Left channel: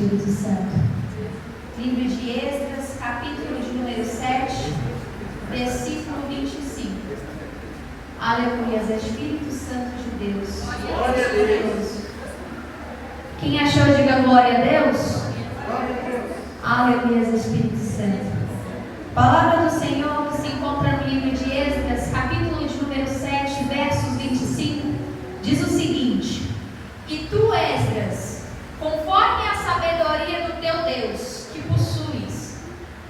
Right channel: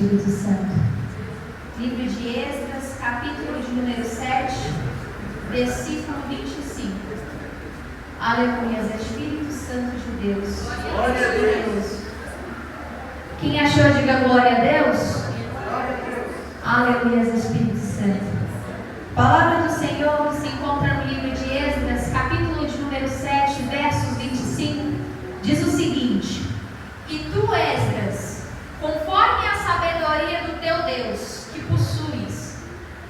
Espírito Santo. Livro de Esdras, capítulo de número 7, versículo 25. Aleluia, Espírito Santo de Deus. Glória a Deus. Quem achou, diga glória a Deus. Glória a Deus. Aleluia, Espírito Santo. Palavra do Senhor que se encontra no livro de Esdras, capítulo de número 7, versos 25, diz o seguinte: E tu, Esdras, conforme a sabedoria do teu Deus, que possuis,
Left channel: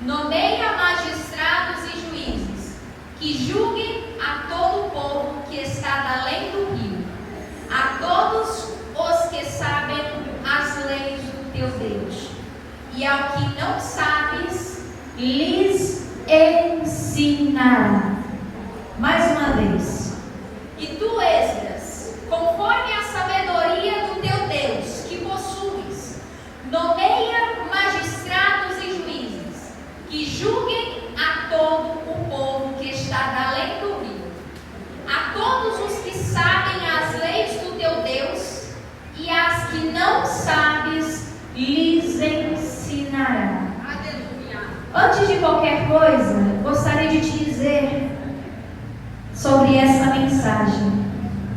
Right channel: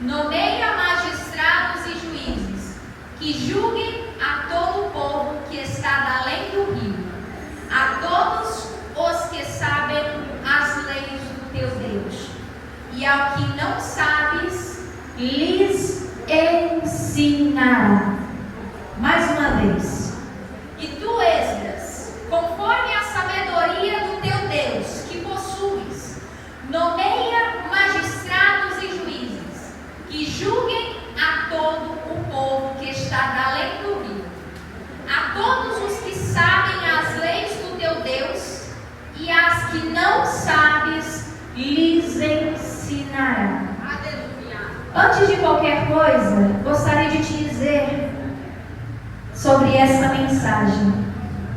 nomeia magistrados e juízes, que julguem a todo o povo que está além do rio, a todos os que sabem as leis do teu Deus, e ao que não sabes, lhes ensinará. Mais uma vez. E tu, Esdras, conforme a sabedoria do teu Deus, que possuis, nomeia magistrados e juízes, que julguem a todo o povo que está além do rio, a todos os que sabem as leis do teu Deus, e as que não sabes, lhes ensinará. Antes de qualquer coisa, gostaria de te dizer sobre essa mensagem,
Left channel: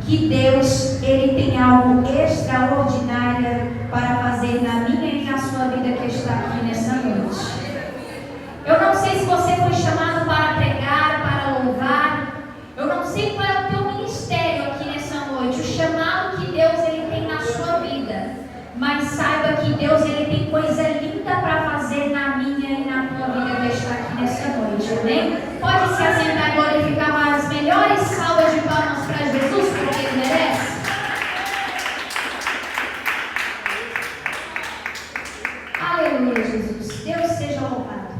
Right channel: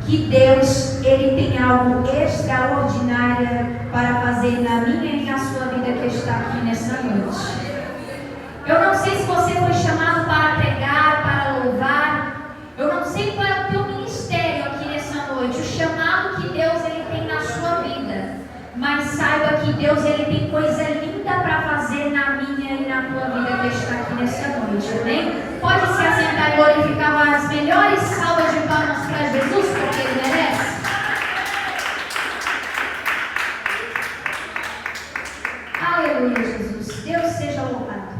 que Deus, Ele tem algo extraordinário para fazer na minha e na sua vida que está aqui nessa noite. Eu não sei se você foi chamado para pregar, para louvar, eu não sei qual é o teu ministério aqui nessa noite, o chamado que Deus Ele tem na sua vida, mas saiba que Deus Ele tem coisa linda para fazer na minha e na tua vida que está aqui nessa noite, amém? Pode se assentar e glorificar as melhores salvas de palmas para Jesus, porque Ele merece. Aleluia, Jesus. Deus seja louvado.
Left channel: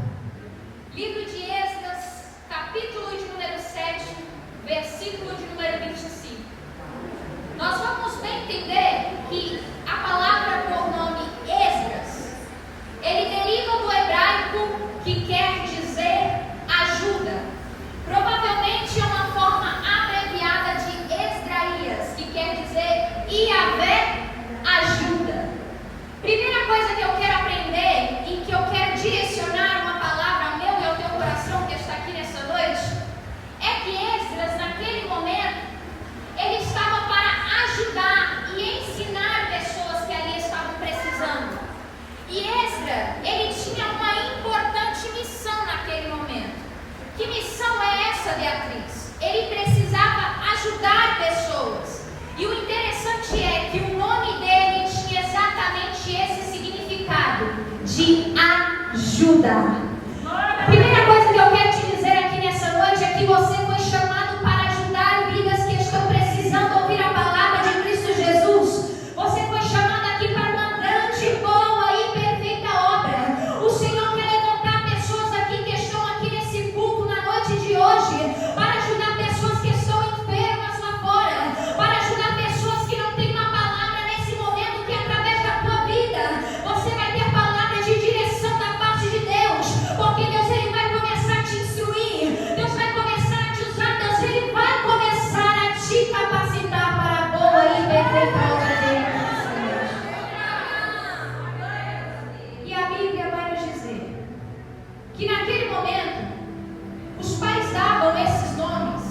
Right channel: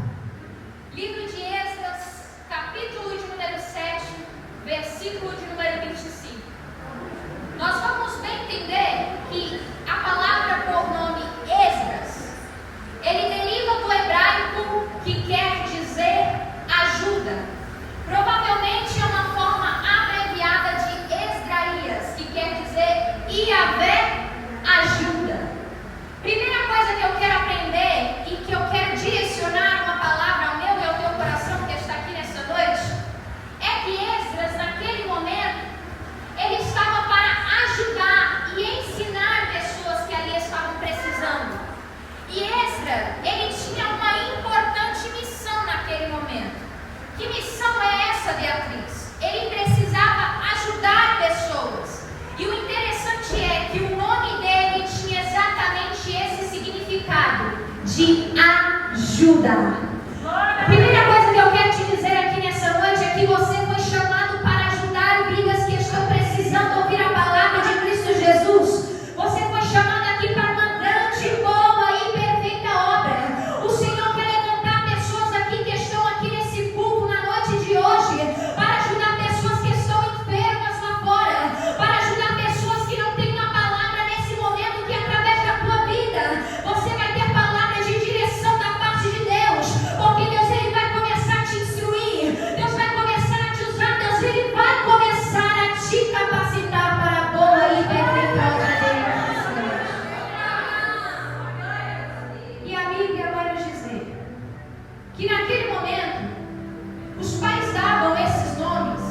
Livro de Esdras, capítulo de número 7, versículo de número 25. Nós vamos bem entender que a palavra por nome Esdras, ele deriva do hebraico que quer dizer ajuda. Provavelmente é uma forma abreviada de Esdraias, que quer dizer Iavé ajuda. Primeira coisa que eu quero aprender e que eu quero direcionar uma palavra ao meu e ao teu coração que está aqui nessa noite, é que Esdras, naquele momento, ele estava para ajudar e ensinar pessoas que ali estavam precisando. E Esdras, ele tinha uma importante missão naquele momento. Que missão é essa, Beatriz? Ele precisava ajudar pessoas. E o interessante é que o nome dele tinha exatamente esse significado, de ajudar. A primeira coisa que eu quero te dizer aqui nessa noite é que você foi chamado para ajudar vidas que estão precisando ouvir a palavra de Cristo Jesus. Você foi chamado aqui para uma grande, boa e perfeita obra. O Senhor quer levantar pessoas aqui que estão aqui nesse culto na noite de hoje, para ajudar pessoas que estão enfermas lá fora, para ajudar pessoas que não têm uma palavra nesse momento, que através da tua vida você vai ter palavra de direção da parte de Deus, porque Deus Ele vai começar a te instruir, Deus vai começar a te usar, Deus Ele vai começar a te capacitar para a boa e perfeita obra dele. E a Bíblia vai nos dizer que naquele momento os pais davam esses nomes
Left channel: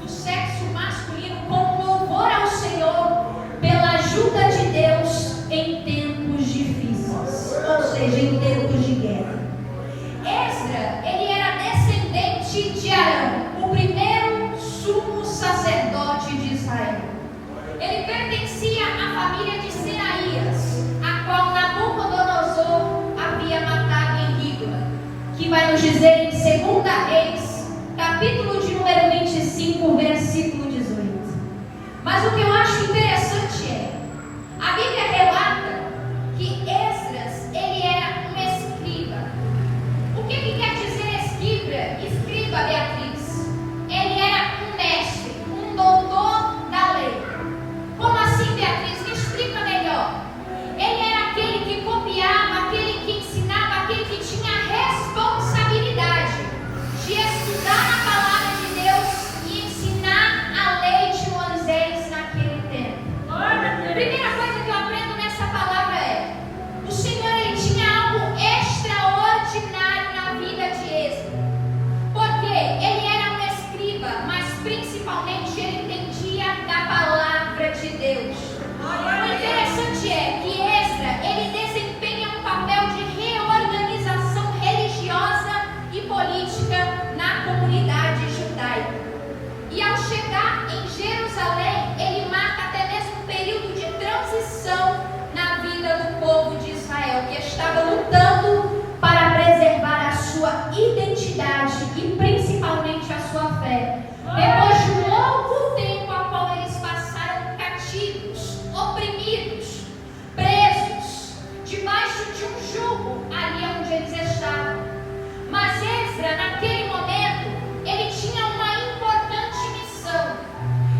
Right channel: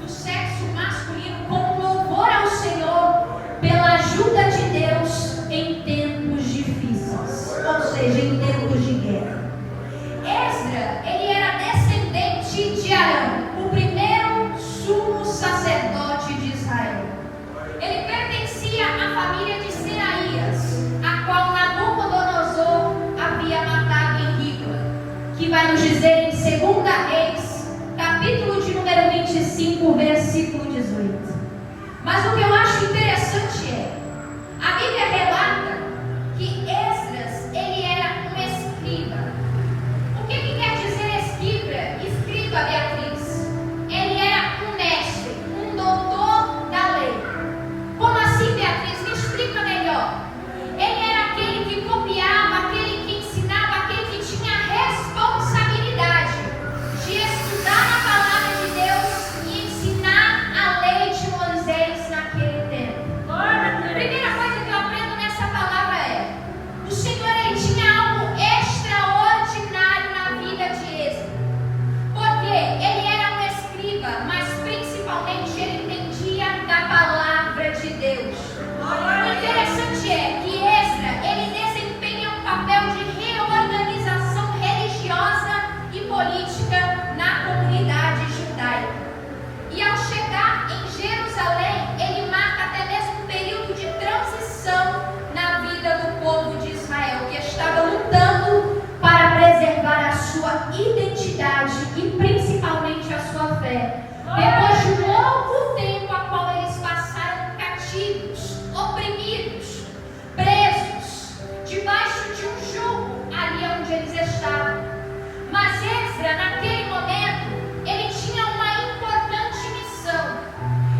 do sexo masculino como louvor ao Senhor pela ajuda de Deus em tempos difíceis, ou seja, em tempos de guerra. Esdras, ele era descendente de Arão, o primeiro sumo sacerdote de Israel. Ele pertencia à família de Seraías, a qual Nabucodonosor havia matado em Ribla, que vai nos dizer em 2 Reis, capítulo de número 25, versículo 18. Mas o que eu acho interessante é, a Bíblia relata que Esdras, ele era um escriba. O que quer dizer escriba, Beatriz? Ele era um mestre, um doutor da lei. Como assim, Beatriz? Me explica melhor. Ele era aquele que copiava, aquele que ensinava, aquele que tinha a responsabilidade de estudar a palavra de Deus e ensinar a lei de Moisés naquele tempo. identidade e principalmente a sua fé. Depois de um longo tempo a qual eles passaram cativos, oprimidos, presos, debaixo de um jugo ali onde eles estavam. Mas Esdras, naquele momento, ele tinha uma importante missão.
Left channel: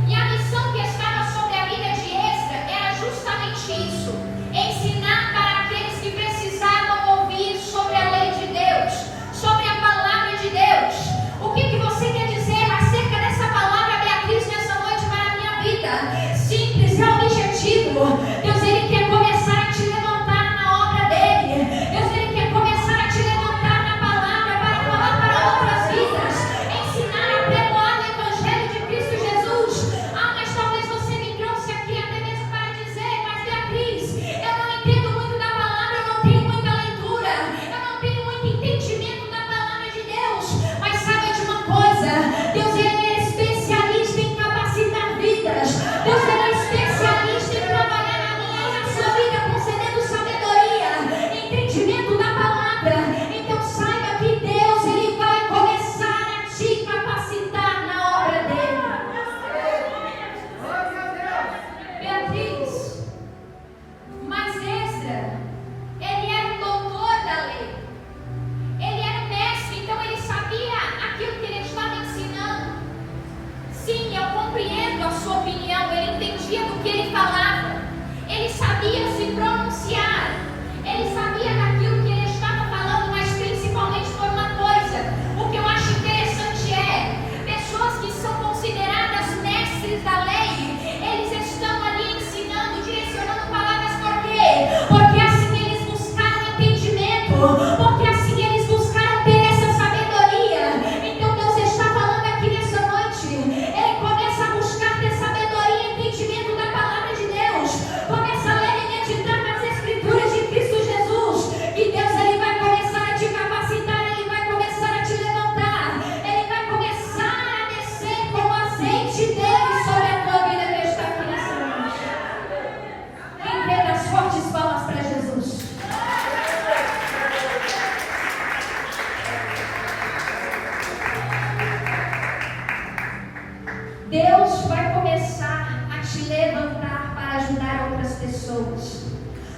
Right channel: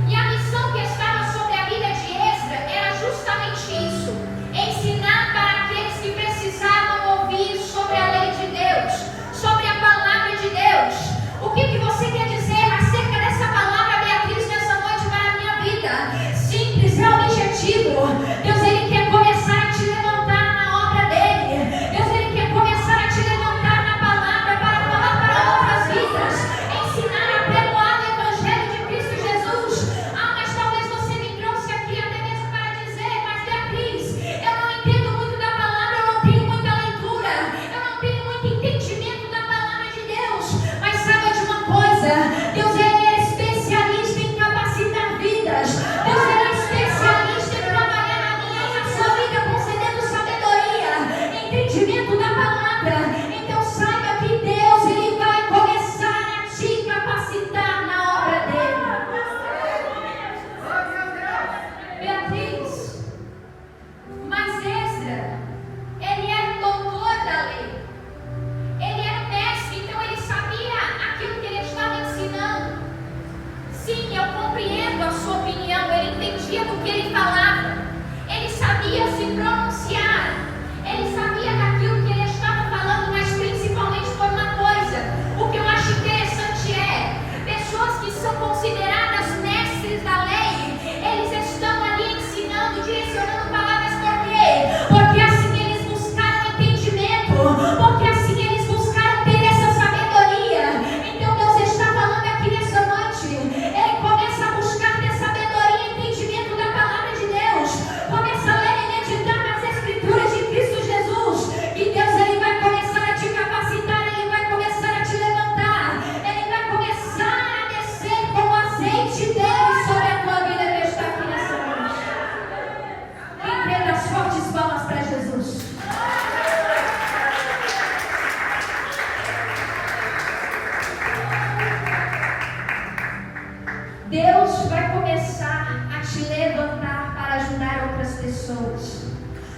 E a missão que estava sobre a vida de Esdras era justamente isso: ensinar para aqueles que precisavam ouvir sobre a lei de Deus, sobre a palavra de Deus. O que você quer dizer acerca dessa palavra, Beatriz, nessa noite para a minha vida? Simples, é objetivo. Deus, Ele quer começar a te levantar na obra dEle. Deus, Ele quer começar a te levantar na palavra para falar para outras vidas, ensinar a pregoar o Evangelho de Cristo Jesus. Mas talvez você me trouxe aqui até mesmo para dizer: mas Beatriz, eu não entendo muito da palavra, eu não tenho muita leitura, eu não tenho muito entendimento da palavra de Deus. Mas saiba de uma coisa: Deus, Ele é especialista em capacitar vidas. Deus, Ele é especialista em trabalhar na minha e na sua vida, concedendo sabedoria, entendimento da palavra. Então saiba que Deus, Ele vai começar a te capacitar na obra dEle. Beatriz, mas Esdras, ele era o doutor da lei. Ele era o mestre, então ele sabia aquilo que ele estava ensinando. Sim, eu compreendo a sua opinião. Ele entendia do que ele falava. Ele sabia se pronunciar. Ele sabia daquilo que ele estava falando, mas principalmente por uma coisa. O que eu acho interessante é, pessoas que são consideradas mestres da lei, eles estão ali ensinando, direcionando palavras. Por quê? Porque assim eles buscaram entendimento, porque assim eles buscaram ter essa sabedoria. Então Deus está falando aqui nessa noite. Ele começa a buscar ter sabedoria e entendimento da palavra de Deus. Começa a ler e meditar nas Escrituras de Cristo Jesus. Que Deus, Ele vai começar a te capacitar, Ele vai começar a te levantar, Ele vai começar a descer com o azeite dele sobre a tua vida que está aqui nessa noite. Quem crê, das fortes palmas para Jesus. Deus vai começar a te levantar para ajudar outras pessoas.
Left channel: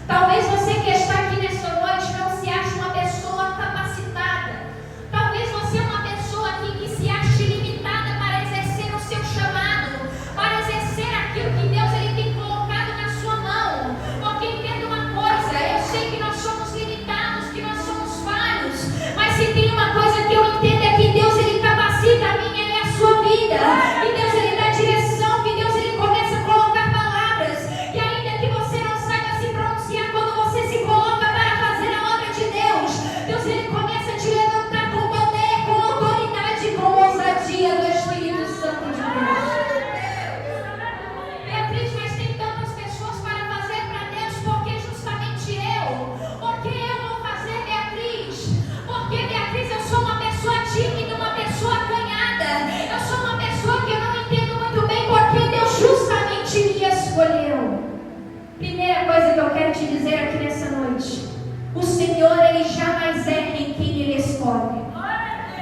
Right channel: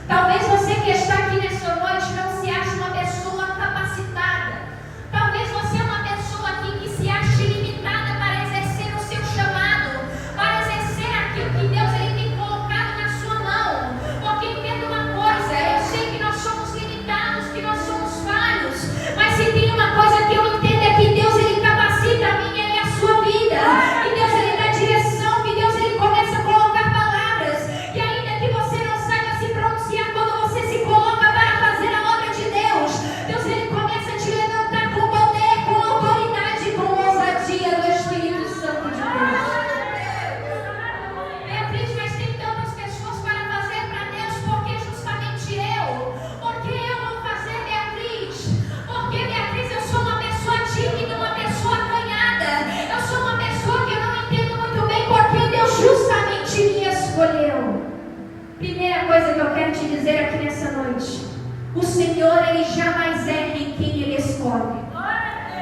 Talvez você que está aqui nessa noite não se ache uma pessoa capacitada. Talvez você é uma pessoa aqui que se ache limitada para exercer o seu chamado, para exercer aquilo que Deus, Ele tem colocado na sua mão. Porque entenda uma coisa: eu sei que nós somos limitados, que nós somos falhos, mas se tem uma coisa que eu entendo é que Deus, Ele capacita a minha e a sua vida. E Deus, Ele dá direção, que Deus, Ele começa a colocar palavras, que ainda que você não saiba se pronunciar, quando você se coloca para fazer a obra de Deus, Deus, Ele começa a te levantar com poder, com autoridade, com ousadia do Espírito Santo de Deus. Beatriz, mas tem tantas pessoas para fazer para Deus, porque justamente eu? Porque eu vou fazer, Beatriz? Porque, Beatriz, eu sou uma pessoa tímida, uma pessoa acanhada, eu sou uma pessoa que eu não entendo muito bem, porque Deus justamente me escolheu. Primeira coisa que eu quero te dizer aqui nessa noite: o Senhor, Ele jamais erra em quem Ele escolhe.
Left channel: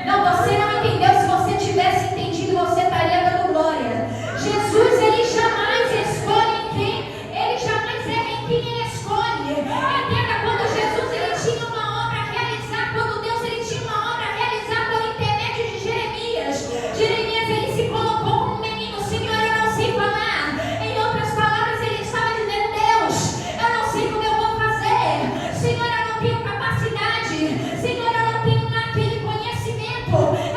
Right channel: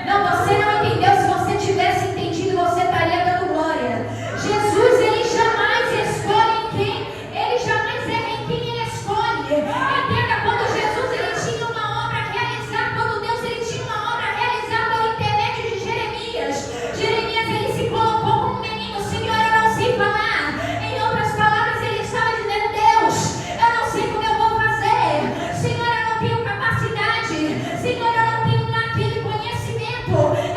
Não, você não entendeu. Se você tivesse entendido, você estaria dando glória. Jesus, Ele jamais escolhe em quem, Ele jamais erra em quem Ele escolhe. Entenda, quando Jesus, Ele tinha uma obra a realizar, quando Deus, Ele tinha uma obra a realizar por intermédio de Jeremias. Jeremias, ele se colocou como um menino: Senhor, eu não sei falar. Em outras palavras, ele estava dizendo: Deus, eu não sei como eu vou fazer. Senhor, eu não tenho capacidade. Senhor, eu não tenho aquele conhecimento. Eu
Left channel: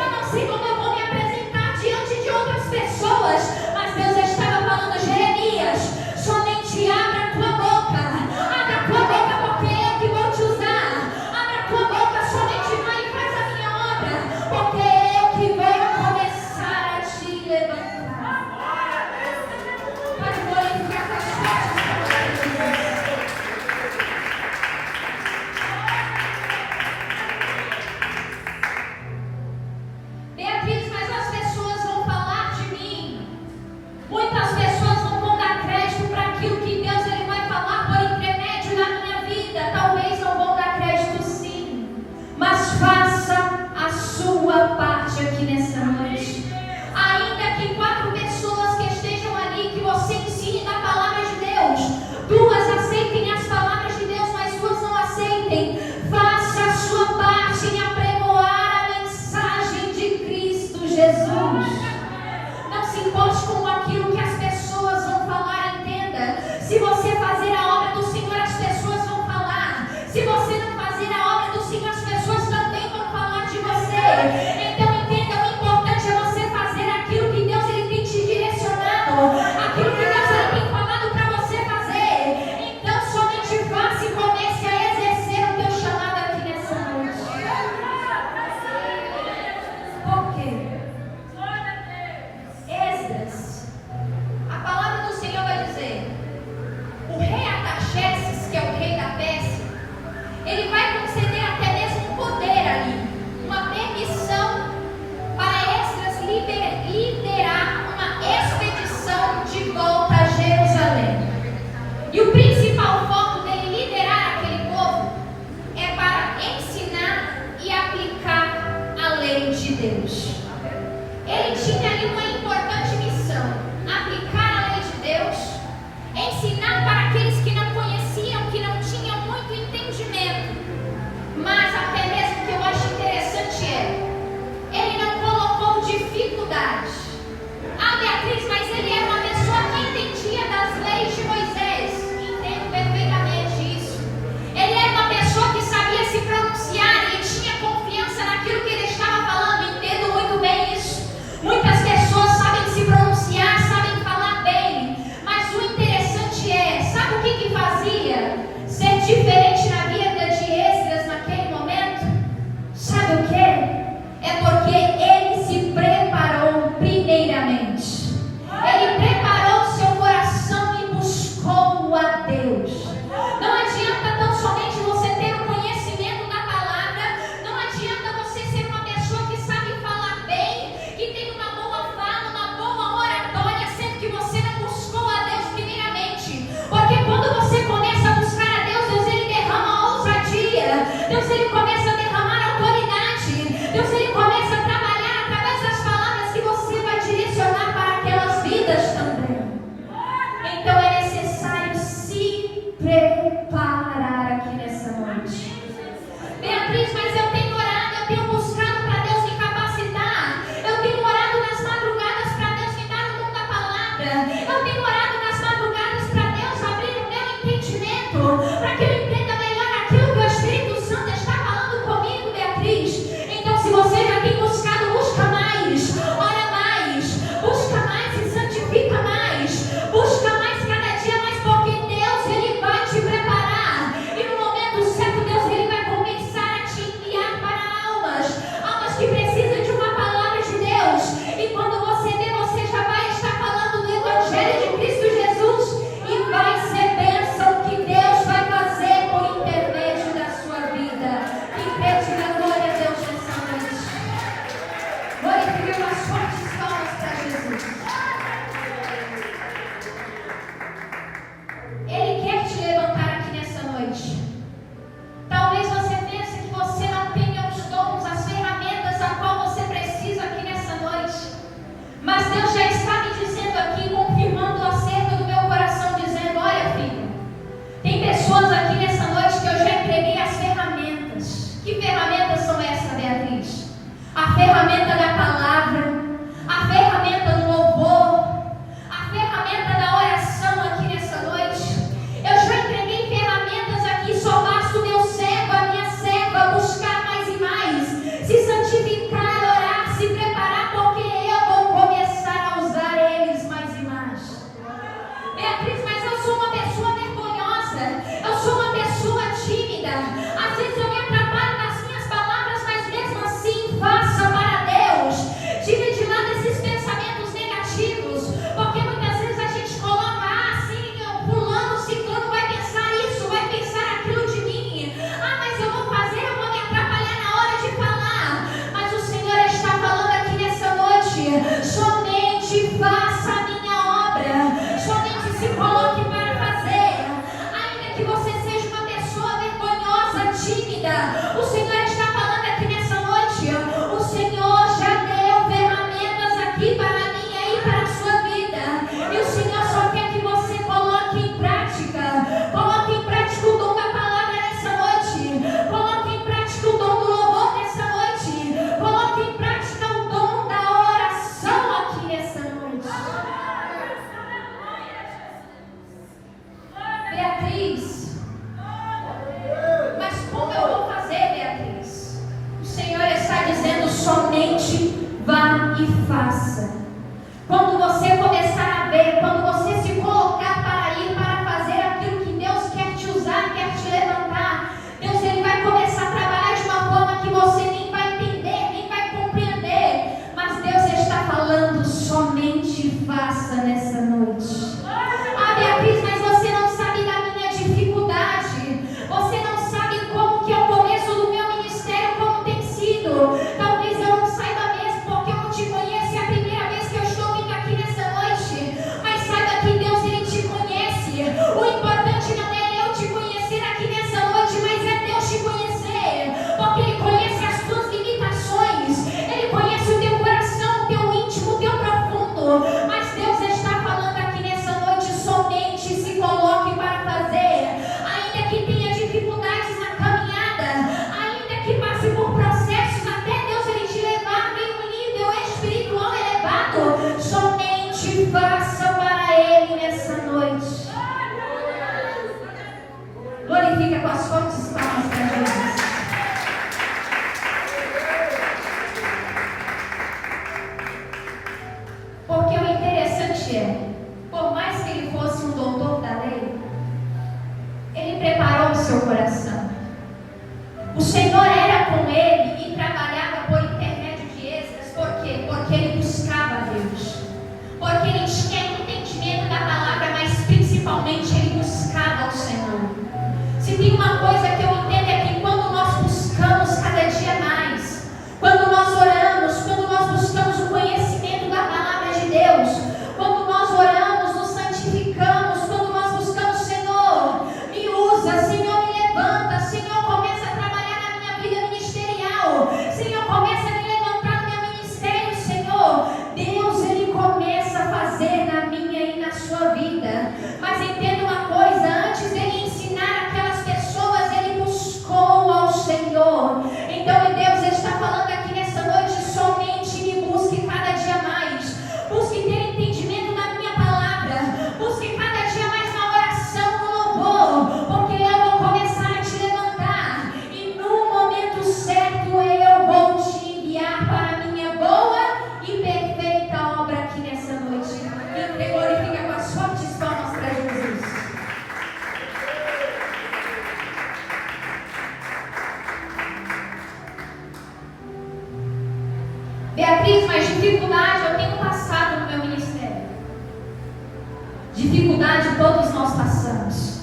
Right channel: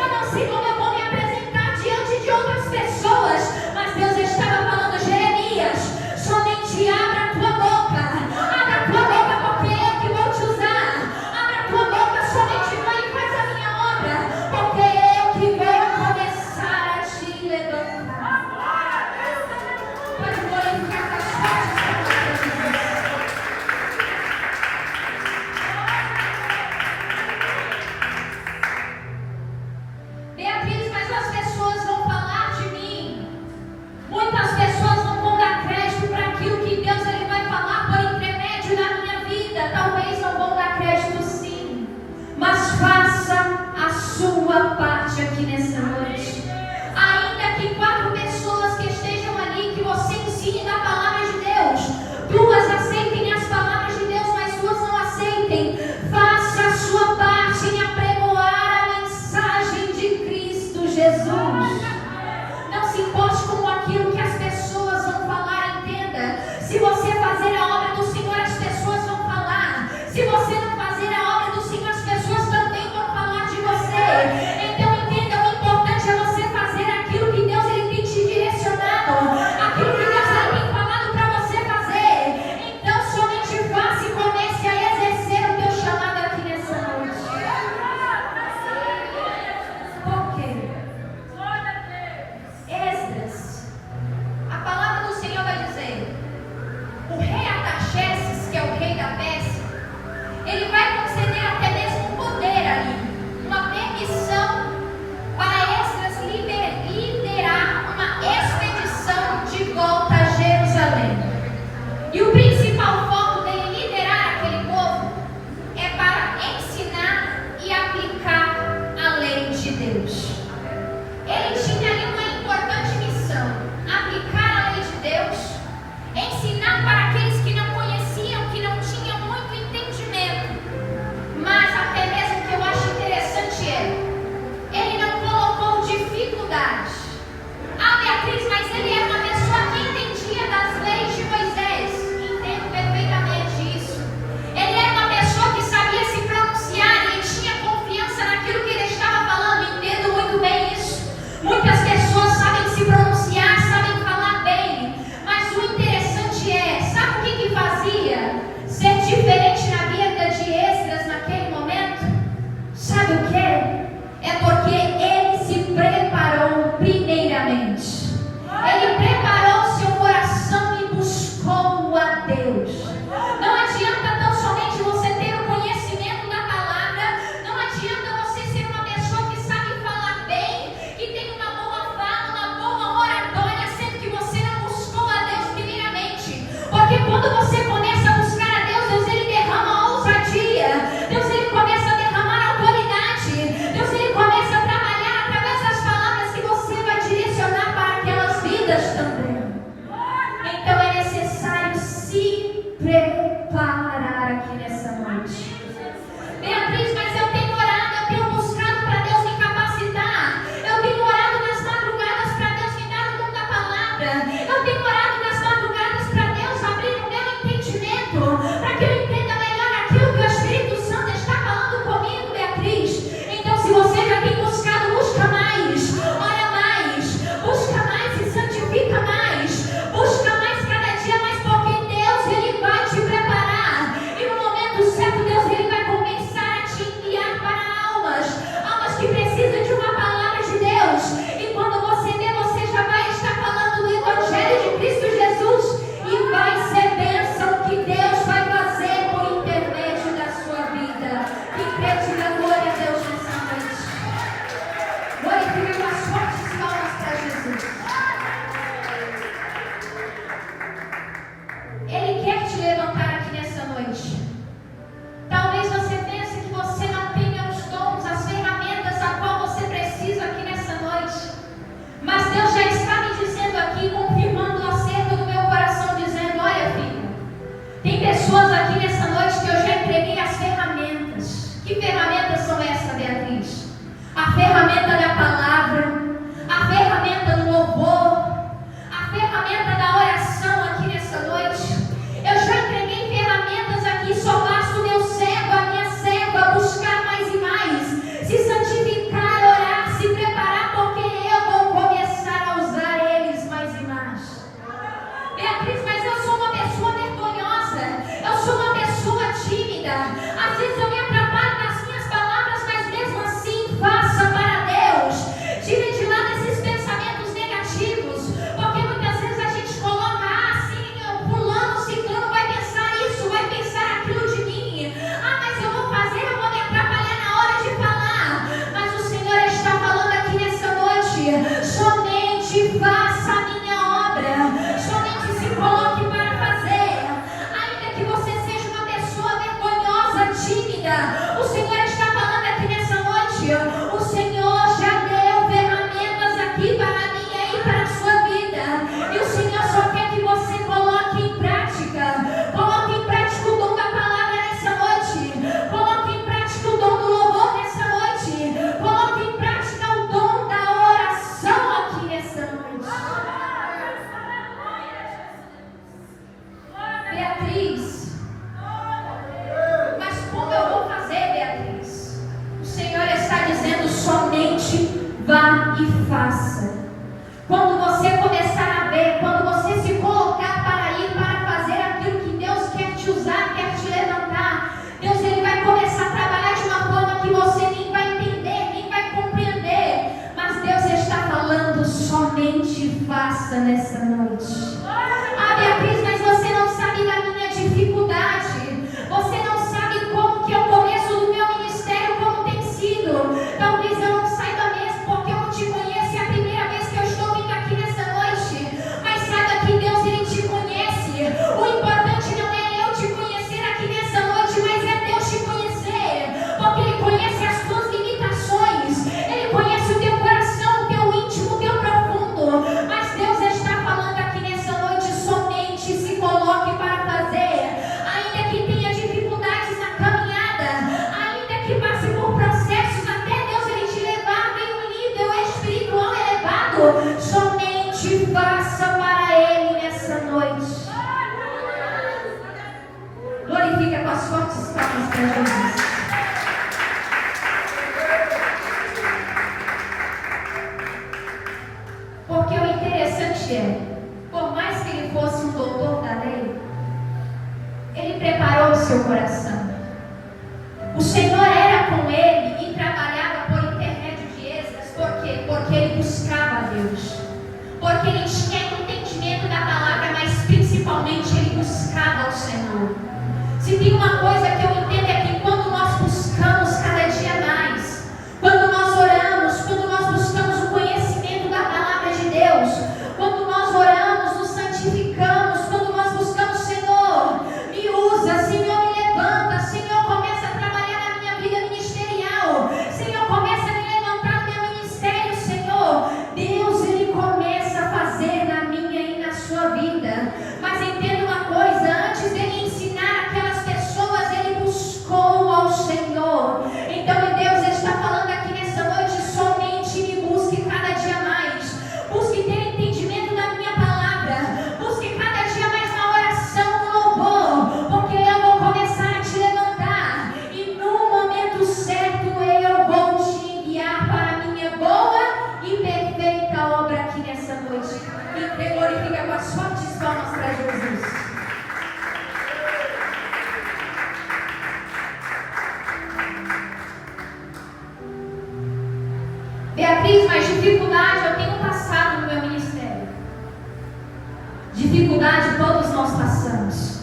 sabe o que? É porque ele se preparou primeiramente. Ele preparou seu coração e buscou a Deus. Não adianta tão somente você ter o conhecimento da palavra, não adianta você ser uma pessoa que sabe falar bem, que tem uma boa fala, uma boa oratória, sendo que você não buscou a Deus primeiramente. Porque quando você começa a buscar a Deus, Deus ele derrama ousadia, Deus ele começa a derramar autoridade, Deus ele começa a trabalhar através das palavras que você vai direcionar para aquelas vidas também. Então é necessário se preparar aqui nessa noite. Beatriz, mas eu tenho orado, eu tenho buscado para Deus me capacitar, eu tenho orado nas madrugadas para Deus me dar o dom da palavra, eu tenho orado nas madrugadas para Deus abrir o meu entendimento, para que eu entenda melhor aquilo que o Espírito Santo está falando comigo, Beatriz. Então, se você já tem buscado, busca mais, ora mais, busca mais e santifica mais, busca mais cada dia mais, porque Deus ele vai te preparar e no momento certo Deus ele vai começar a te enviar para almas que precisam de uma palavra de Deus, e quando você vê, você já vai estar falando do Evangelho de Cristo Jesus e vai ser bênção que Deus vai fazer por intermédio da sua vida. Que crê, diga glória a Deus nessa noite. Glorifique com as fortes palmas para Jesus. Ele quer te levantar aqui nessa noite. Talvez você pense que você não tenha os dons, as ferramentas a qual você precisa aqui nessa noite. Mas Deus já está me dizendo aqui, confirmando acerca do meu coração, dizendo: olha, filho, tem pessoas aqui nessa noite que eu já entreguei as ferramentas. Que ferramentas são essas, Beatriz? A ferramenta da palavra, a ferramenta do louvor, a ferramenta da oração aqui nessa noite. Eu já entreguei ferramentas aqui, só basta o meu servo, a minha serva buscar mais e mais, se santificar, orar, se preparar, porque eu vou começar a usar eles mais e mais. Beatriz, mas eu sou uma pessoa vergonhosa, eu sou uma pessoa tímida, às vezes eu me atrapalho nas minhas palavras, mas mesmo assim, faça para Deus. Tire de lado esses pensamentos negativos, porque muitas vezes a gente coloca assim, fulano, ciclano vai pensar isso, vai pensar aquilo de mim. Mas eu vou fazer, eu vou me atrapalhar na hora de falar. Mas o Senhor está falando aqui nessa noite: somente faça a minha obra, somente se coloque para fazer. Ainda que você seja uma pessoa vergonhosa, tímida, o Senhor está falando aqui nessa noite: o Senhor já deu ferramentas aqui para mim e para a sua vida, e o Senhor só quer que você coloque em prática o dom da palavra nessa noite, coloque em prática o dom do louvor nessa noite, coloque em prática o dom da oração aqui nessa noite. Beatriz, mas como eu vou fazer, Beatriz? O Senhor está dizendo: somente vá e faça. Quando você começar a ver, quando você se colocar para ir, para fazer aquilo que Deus quer te usar, quer te levantar, Deus ele vai começar a trabalhar de uma forma que você nem vai entender, nem vai compreender. Mas Deus está falando: somente faça nessa noite. Beatriz, mas você não sabe da minha dificuldade, você não sabe como que é o começo do meu ministério, como tem sido. Talvez eu não saiba mesmo, porque eu não te conheço, é a primeira vez que eu estou vindo aqui nessa noite. Mas saiba que Deus ele te conhece. O importante não é eu te conhecer aqui nessa noite, mas é Deus te conhecer, porque Ele conhece as tuas limitações, Ele conhece o teu coração, o teu íntimo, o teu profundo. Mas Deus está falando aqui nessa noite: somente se coloque para fazer. Ainda que tenha dificuldades na caminhada, ainda que passe por processos, até Deus ele te levar em um nível espiritual elevado, somente faça para Ele nessa noite. Glorifica com as fortes palmas para Jesus. Porque o interessante é, por mais que ele fosse um doutor da lei, ele preparou o seu coração. O Senhor era com ele e trabalhava Beatriz, mas dificuldade eu tenho passado no meu ministério. Dificuldade todos nós passamos.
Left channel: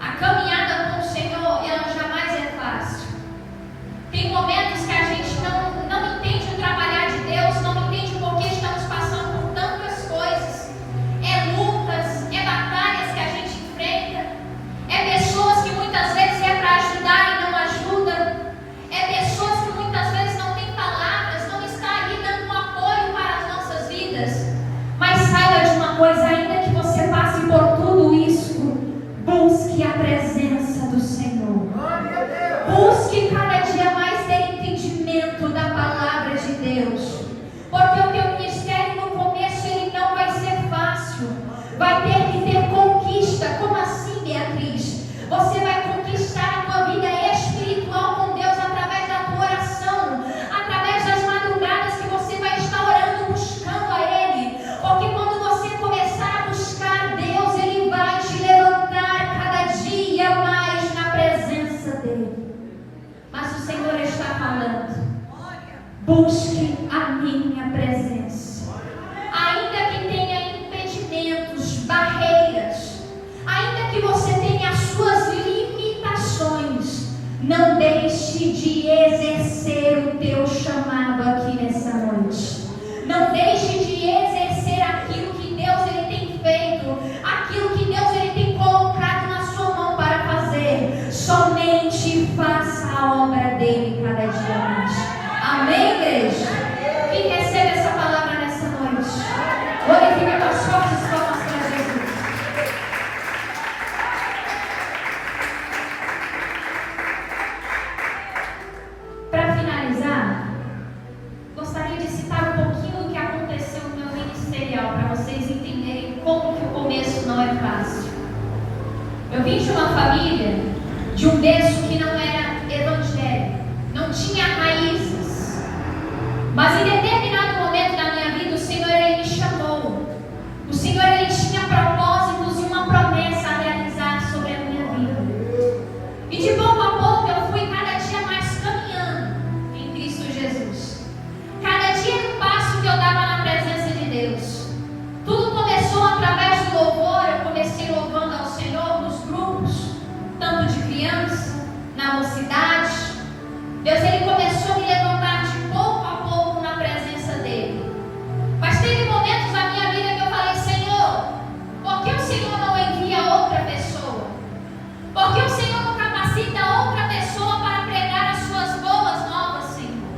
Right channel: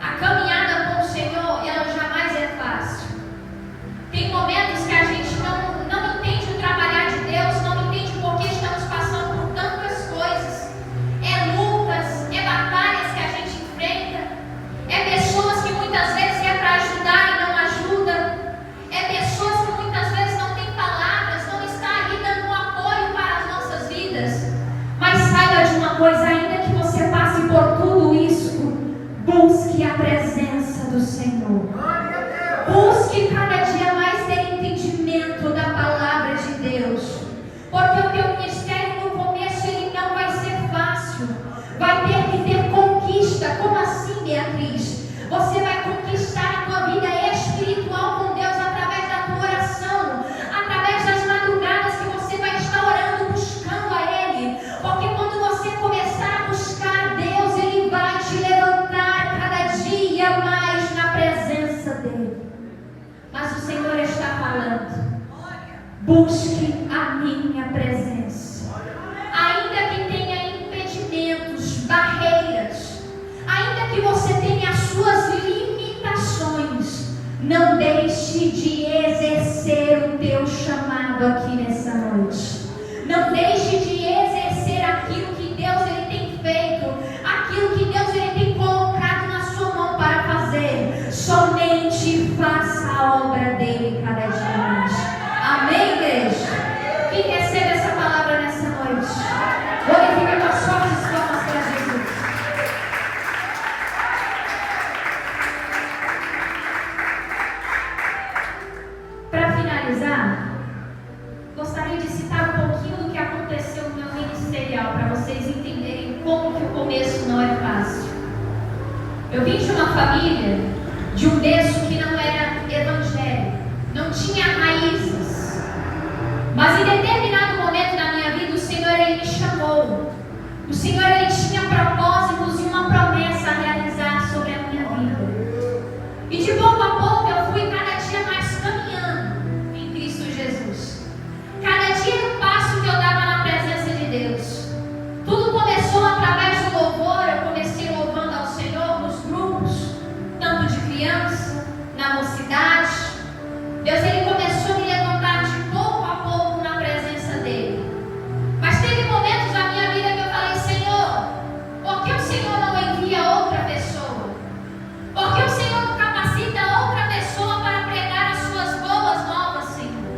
A caminhada com o Senhor, ela jamais é fácil. Tem momentos que a gente não entende o trabalhar de Deus, não entende por que estamos passando por tantas coisas. É lutas, é batalhas que a gente enfrenta, é pessoas que muitas vezes é para ajudar e não ajuda, é pessoas que muitas vezes não têm palavras, não está ali dando um apoio para as nossas vidas. Mas saiba de uma coisa, ainda que você passe por tudo isso, busque a presença do Senhor. Busque cada dia mais ter entendimento da palavra de Deus. Porque o teu ministério no começo ele não vai ser fácil. Vai ter que ter conquista. Como assim, Beatriz? Você vai conquistar a tua vida espiritual com Deus através da tua oração, através das madrugadas que você vai estar orando, buscando a Ele. Porque quando você começar a buscar Deus, Ele vai te levantar cada dia mais na presença dEle. Mas o Senhor está falando: busque a minha presença. Ainda que tenha impedimentos, barreiras, ainda que você tenha as suas limitações, não deixe de exercer o teu chamado aqui nessa noite. Não deixe de exercer aquilo que Deus ele tem feito, aquilo que Deus ele tem colocado na sua mão para fazer. Somente faça a obra dele cada dia mais. Amém, igreja? Quem recebe essa palavra nessa noite? Glorifica com as fortes palmas para Jesus. Para finalizar, gostaria de citar um pouquinho do que aconteceu no meu ministerial, para vocês entenderem como que o começo não é fácil. Eu vim de uma família, de um berço que não era evangélico, não tinha raízes. Mas em determinado momento da minha vida, o Senhor ele me chamou. O Senhor ele tinha propósitos e uma promessa a realizar sobre a minha vida. E de pouco a pouco eu fui cada dia mais caminhando em Cristo Jesus. Cada dia um passo que eu dava na presença de Deus. Tudo começou através do louvor. Eu comecei louvando ao Senhor nos grupos, tanto de criança, na mocidade. Deus ele começou a me levantar de pouco a pouco na presença dele. Mas teve momentos na minha vida que eu falei: Senhor, por que o Senhor não envia outra pessoa? Por que o Senhor não capacita outra pessoa para pregar as suas boas novas, Senhor?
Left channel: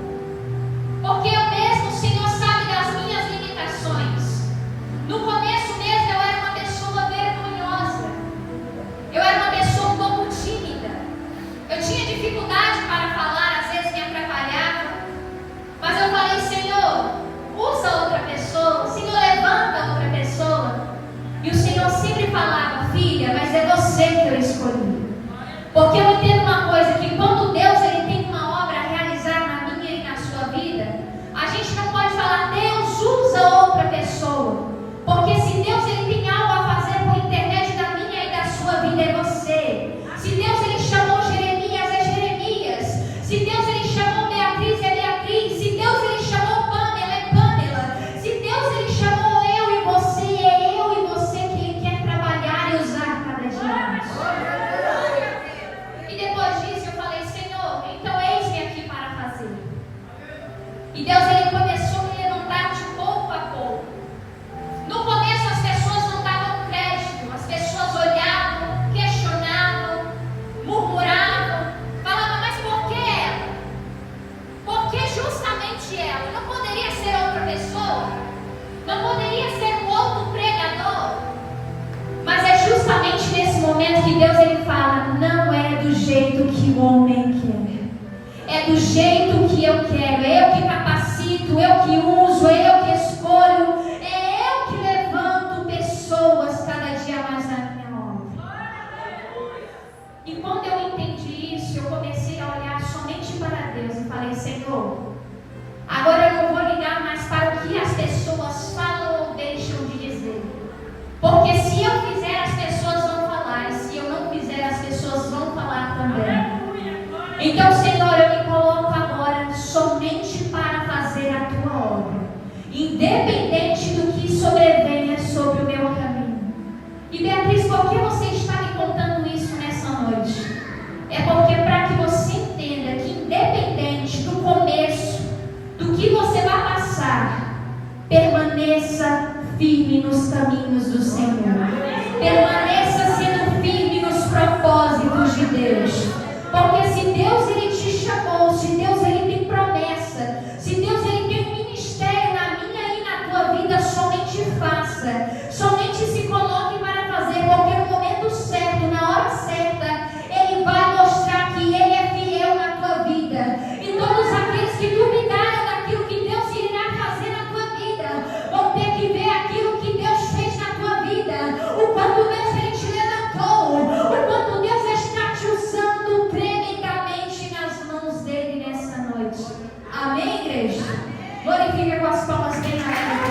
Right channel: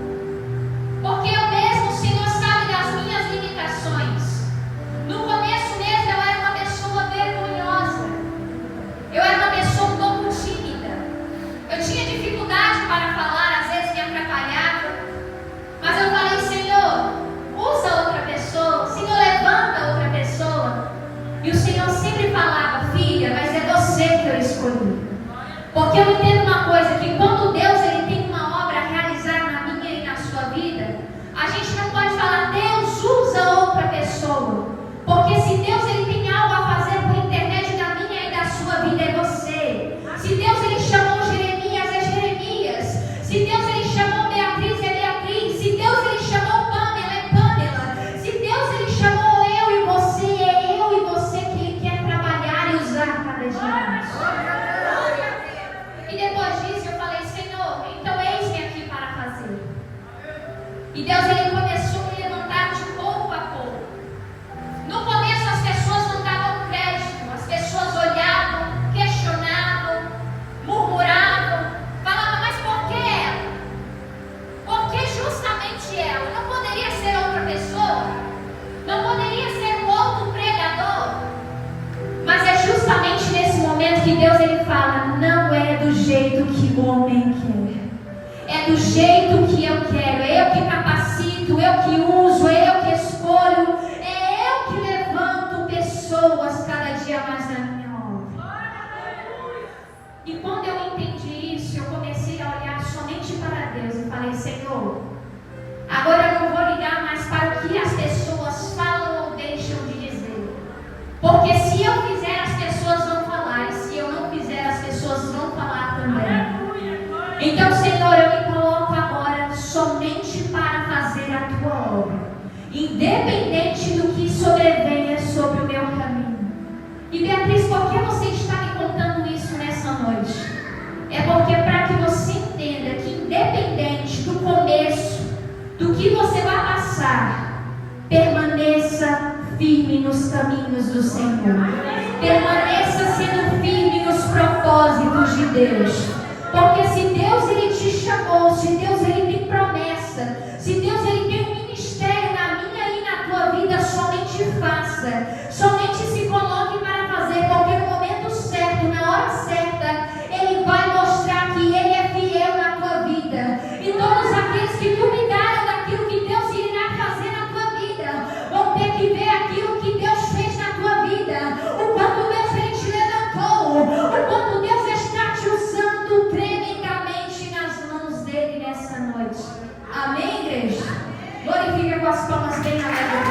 Porque eu mesmo, o Senhor sabe das minhas limitações. No começo mesmo eu era uma pessoa vergonhosa. Eu era uma pessoa um pouco tímida. Eu tinha dificuldade para falar, às vezes me atrapalhava. Mas eu falei: Senhor, usa outra pessoa. Senhor, levanta outra pessoa. E o Senhor sempre falava: filha, mas é você que eu escolhi. Porque eu entendo uma coisa, que quando Deus ele tem uma obra a realizar na minha e na sua vida, a gente não pode falar: Deus, usa outra pessoa. Porque se Deus ele tem algo a fazer por intermédio da minha e da sua vida, é você. Se Deus ele chamou Jeremias, é Jeremias. Se Deus ele chamou Beatriz, é Beatriz. Se Deus ele chamou Pamela, é Pamela. Se Deus ele chamou eu e você, é eu e você que ele quer trabalhar e usar cada dia mais. E depois disso eu falei: Senhor, então eis-me aqui para fazer. E Deus ele começou a me levantar de pouco a pouco. No começo as pessoas não davam crédito, as pessoas olhavam, questionavam, murmuravam, falavam: mas por que ela? Por que justamente ela? Não poderia ser outra pessoa? Não poderia ser um outro pregador? Mas é justamente nesse momento que Deus ele fala: não é do jeito que o homem quer, é do jeito que eu quero. É eu que capacito, eu que uso, é eu que escolho, é eu que levanto pessoas cada dia mais na minha obra. E quando eu entendi isso, eu comecei a olhar somente para Deus e falei: Senhor, agora eu não vou ligar mais para o que as pessoas falam ou deixam de dizer. Porque se eu fizer, as pessoas vão falar. E se eu não fizer, as pessoas vão falar também. Então, Senhor, eu me coloco agora somente para fazer a tua firme nos caminhos do Senhor. Permaneça sendo firme nos propósitos de Deus. Porque se Deus ele te chamou, se Deus ele tem promessa, se Deus ele tem um ministério na minha e na tua vida, somente faça. Somente se coloque para fazer, porque no momento certo, na hora certa, ele vai mostrar que ele é fiel na tua vida. E todos aqueles que duvidaram daquilo que Deus irá fazer na tua vida, vão ter que ver aquilo que Deus fez na tua vida. O quanto Deus ele te levantou, o quanto Deus está te usando tremendamente nas mãos dele nessa noite. Amém, igreja? Glorifica com as palmas bem abertas.